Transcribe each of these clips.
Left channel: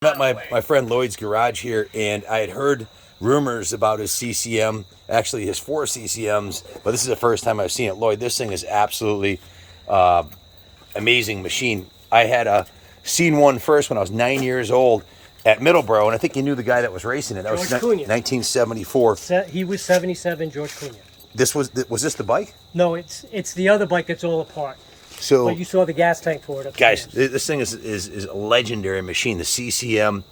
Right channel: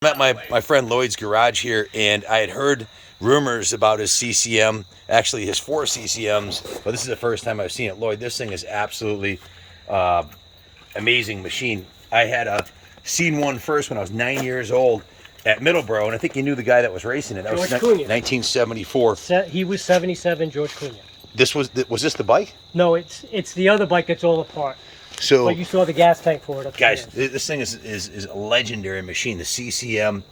I'm at my friend Lloyd's garage here, and I had heard rumors about his CCM, actually his 4 CCMs, but this is the first time I've seen it. Lloyd, this thing is absolutely uh, amazing machine. I had seen one first when I was 9 years old at Middleborough, and I think you knew the guy that was racing it. That was George Cunha. 1974. He was 77, George Cunha. This was this the bike? No, it's the other bike that's all apart. So, But you saw the gas tank for it. guys, this thing is a legendary machine. The CCM.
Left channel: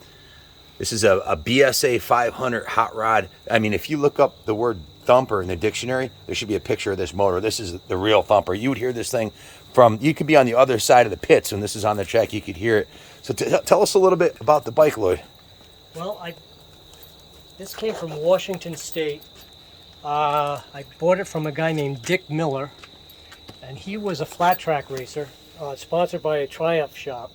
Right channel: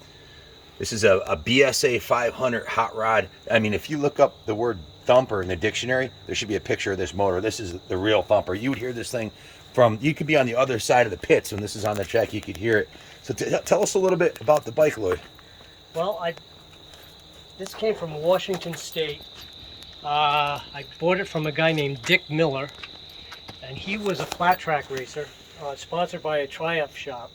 This is a BSA 500 hot rod. I mean, if you look up the word Thumper in the dictionary, there should be a picture of this motor. This is the real Thumper. You would hear this thing from, you could be on the other side of the pits when this is on the track, you could hear it. So tell us a little bit about the bike, Lloyd. Well, this came from Washington State. I bought it from a guy named Dick Miller, and he was a flat track racer, sponsored by a Triumph shop.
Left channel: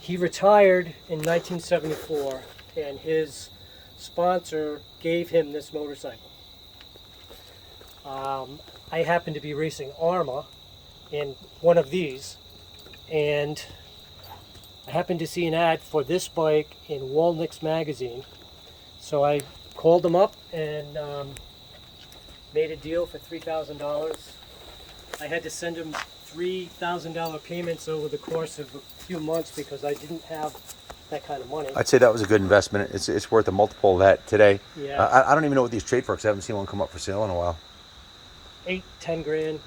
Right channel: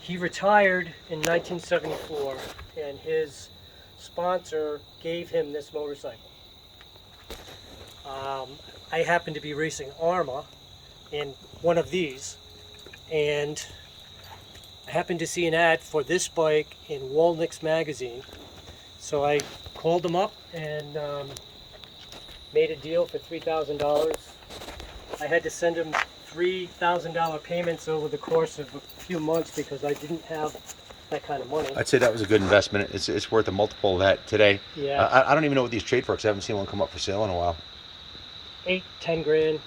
He retired in 1974, and his sponsor gave him this motorcycle. I happened to be racing Arma in one of these, and I happened to see an ad for this bike in Walnick's magazine. So I called them up and made a deal for $3,000. I had to send him $3,000 payments over the course of a few months because I didn't have that kind of money. I'd say that was a good investment. It's worth a multiple of that today. Yeah. I don't even know what these trade for because I haven't seen one come up for sale in a while. 8, 10 grand,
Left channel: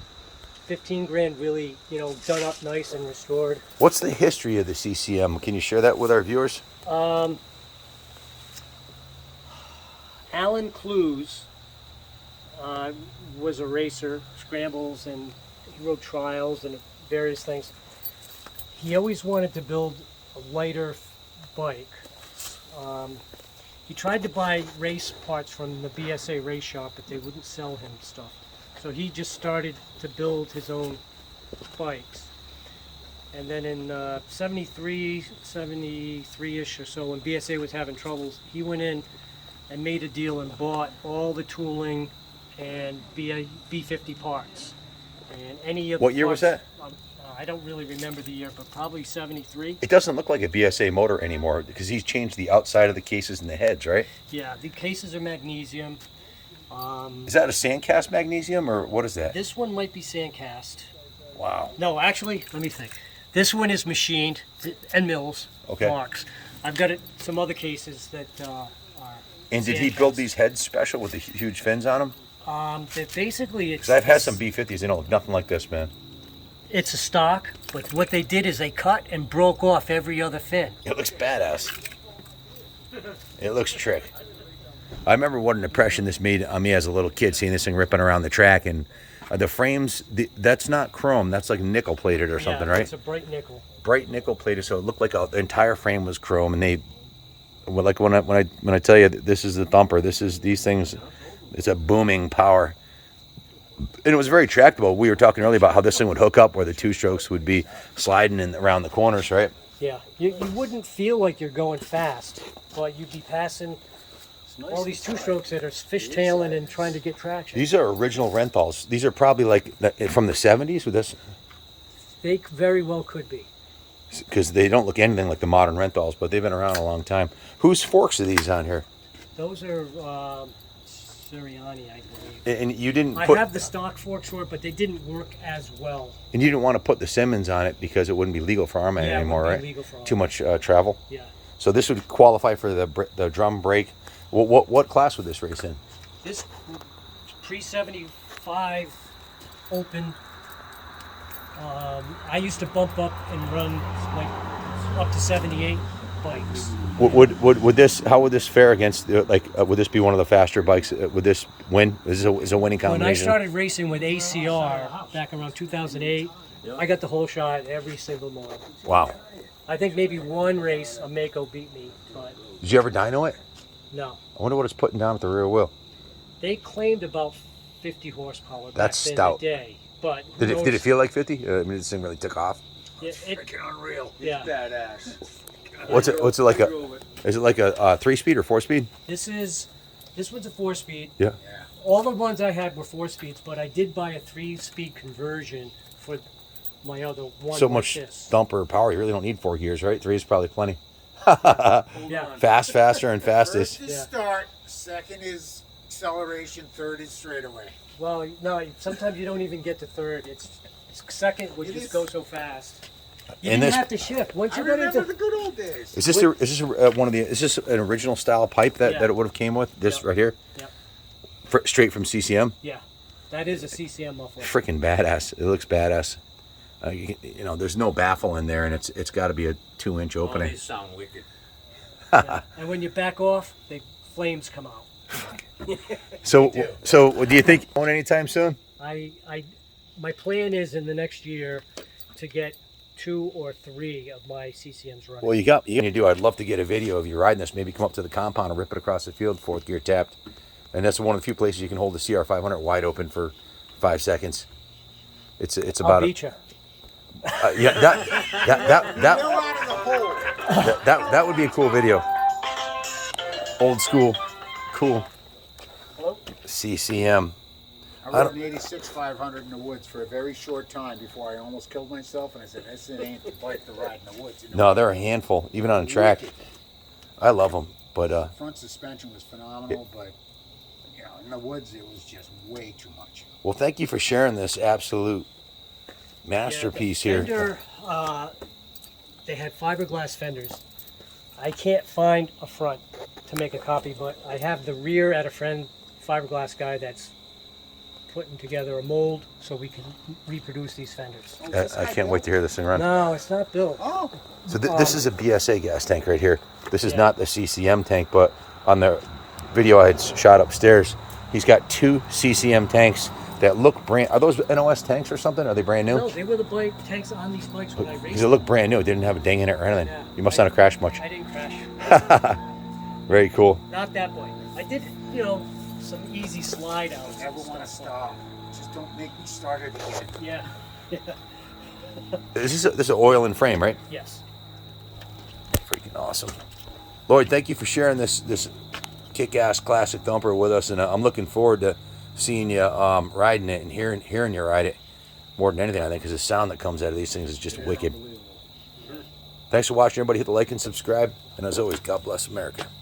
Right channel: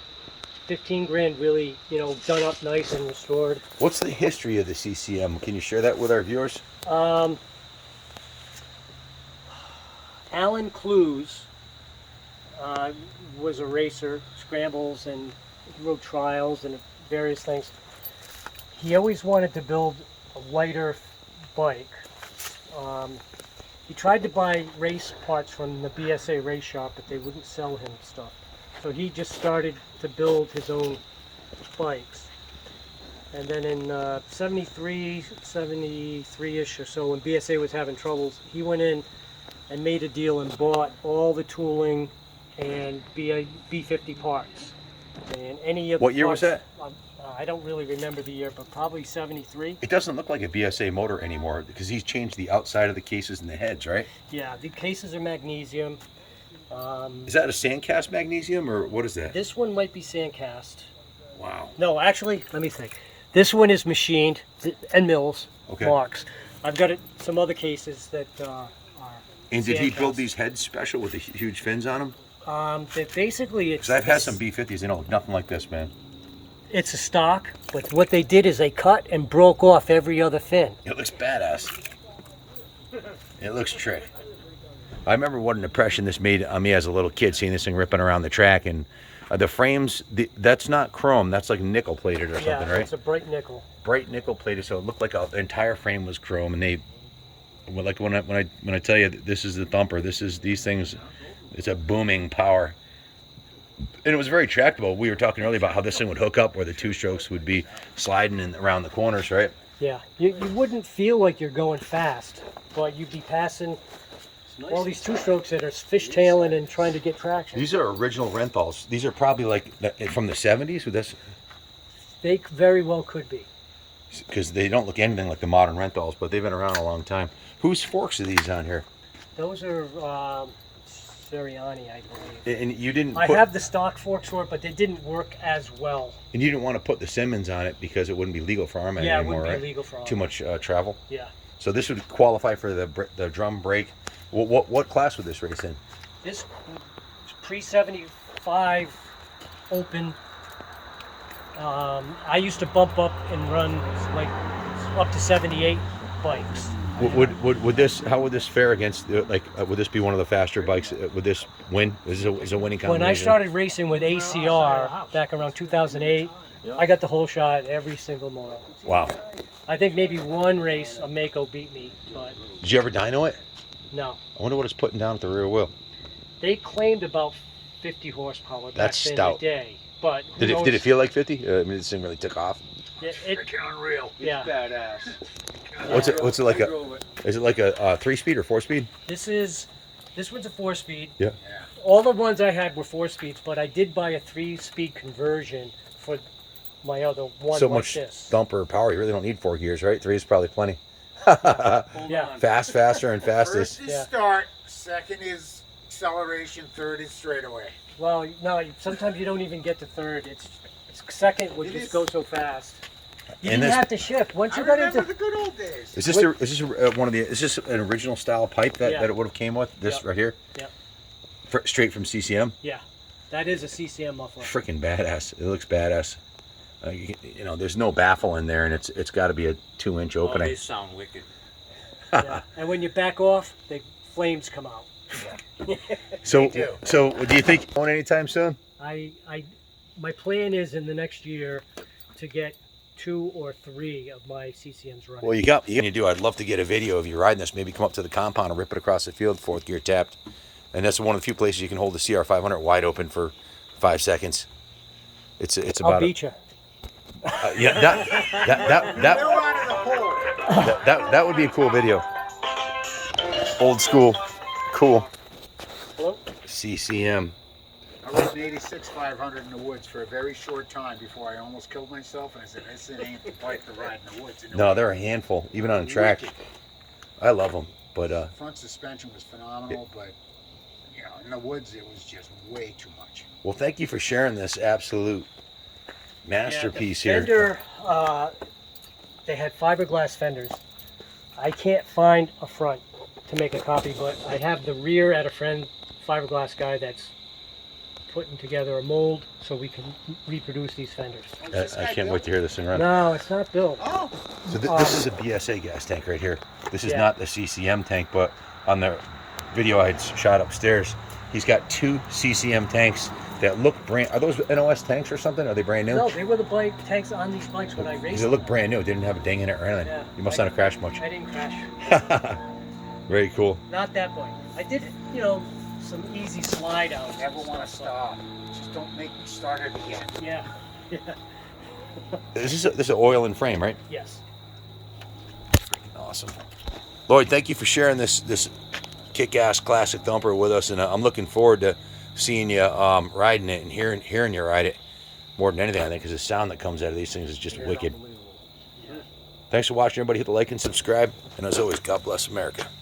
15 grand really, done up nice and restored. What's the history of the CCM? Can you share that with our viewers? Alan Clues was a racer, scrambles, and he rode trials and various things. He always wanted to build a lighter bike. He tried to buy race parts from the BSA race shop, but they wouldn't sell him stuff. So he just started to build his own bikes. And then in 73-ish or so, when BSA was having troubles, he went in and made a deal and bought all the tooling and B50 parts. And any of What year was that? I don't really remember the year, but probably 73. It doesn't look like a BSA motor anymore because he's changed the outside of the cases and the heads, right? Yeah, the cases are magnesium. Is that a sandcast magnesium or what is that? This one might be sandcast. Wow. No, actually, let me think. This one is machined and mills, Okay. marks. I've got some other cases that are. And did he build sandcast. these heads special with the huge fins on them? That basically it's. Because I've had some B50s, they don't look nothing like this, man. It's a stock, but what they did is they cut and broke off every other fin. It looks badass. It looks trick. I remember what an impression this made on me as a little kid, seeing this thing ripping around the track. And the frames, that's not chrome, that's like nickel plated or something, Yeah, right? it's a bright nickel. Bright nickel plated, so it looked like the entire frame was chrome. And like when I tell you this is the Thumper, these things, it's a booming power. And it was very tractable. We were talking earlier about how this thing would hook up where the two strokes would be sliding around the corners, right? Yeah, you wouldn't feel like you're going fast, but you'd be passing all these two strokes that are fishtailing and trying to get traction. These are original Renthals. These are probably like from the 70s with this, They very well could be. because they don't look anything like the modern Renthals, but they've been around a long time. Whose forks are these on here? Those are Sirianni, I believe. And you didn't I put, have the stock forks for it, but they didn't work as well. and you didn't want to put the Simmons on it because it wouldn't be legal for Arma Yeah, it anymore, wouldn't right? be legal for Too Arma. much travel. Yeah. So this would qualify for the drum brake. What class would this race in? This pre-75 open. I used to bump up and run like up to 78 bikes. Would this? How would this fare against would this be one of the faster bikes? Would this win? Is a winning combination? When I started racing with ACR back around 2008, I got the whole shot every single mile. Wow. I think maybe one race a Mako beat me, but Did you ever dyno it? no. I wonder what it's putting down at the rear wheel. They claimed about 50 horsepower back That's then stout. in the day, but who Did it knows? feel like 50? I mean, this thing really took off. It, Unreal. yeah. Badass. What's it like a? Is it like a 3-speed or 4-speed? This one's a 4-speed. Yeah. All the ones I had were 4-speeds, but I did buy a 3-speed conversion for my other one. So like much this. thumper power. You really don't need 4 gears, right? 3 is probably plenty. Yeah. Fast, faster, and fastest. First is Yeah. start, second is acceleration, third is straightaway. Well, no, sometimes you don't even get to third. It's second would It just is. go so fast. You And didn't this have to shift. Once I you got remember into the good old days. is one of the is this an original style pipe that, Yeah. that it would have came with? This Yeah. right here, yeah, straight from CCM. yeah, that is a CCM muffler. Freaking badass! It looks badass. You know, there's no baffle in there, and it's got to be a 2-inch Oh, opening. they sound wicked. Yeah. And when you back off, the flames come out. So, too. so do you think on anytime soon? My plan is in the next year to get 2 or 3 of my CCMs running. Well, you do. I'd love to get a video of you riding this. Maybe come up to the compound and rip it across the field, fourth gear tapped. And that's one of the few places you can hold the CR 500 wide open for 5 seconds. It's I'll about beat you. yeah Go out of the hole. that would be a cool video. Old school, cool. CCM. I rode an 86 500 in the woods for a very short time before I almost killed myself, and I said, "This ain't the bike to ride in the woods." And No, they're a handful, even on a track. I love them, but front suspension was phenomenal, but you know, in the woods it was just way too much. well, thank you for sharing this absolute masterpiece Yeah, the here. fender, they had fiberglass fenders. I can't find a front to make a copy, but I have the rear at a friend fiberglass guy that's putting together a mold so we can reproduce these fenders. I can't wait to hear this thing run. No, it's not built. Oh, So this is a BSA gas tank right here. This is Yeah. not the CCM tank, but on the video I had shot upstairs, he's got 2 CCM tanks that look brand. Are those NOS tanks or something? Are they brand new? No, they were the bike tanks on these bikes when I raced. Because it looked brand new. It didn't have a ding in it or anything. Yeah. You must not have crashed much. I didn't crash. Very cool. Not that bike. I did, some easy slide outs. never and want to stuff, stop. Just don't make me start it again. but- Yeah. This is an oil and frame, right? Yes. Freaking awesome. Lloyd, thank you for sharing this kick-ass classic Thumper with us, and I'm looking forward to seeing you riding it and hearing you ride it more than anything, I think, because the sound that comes out of these things is just wicked. Thanks for watching, everybody. Hit the like and subscribe, and as always, God bless America.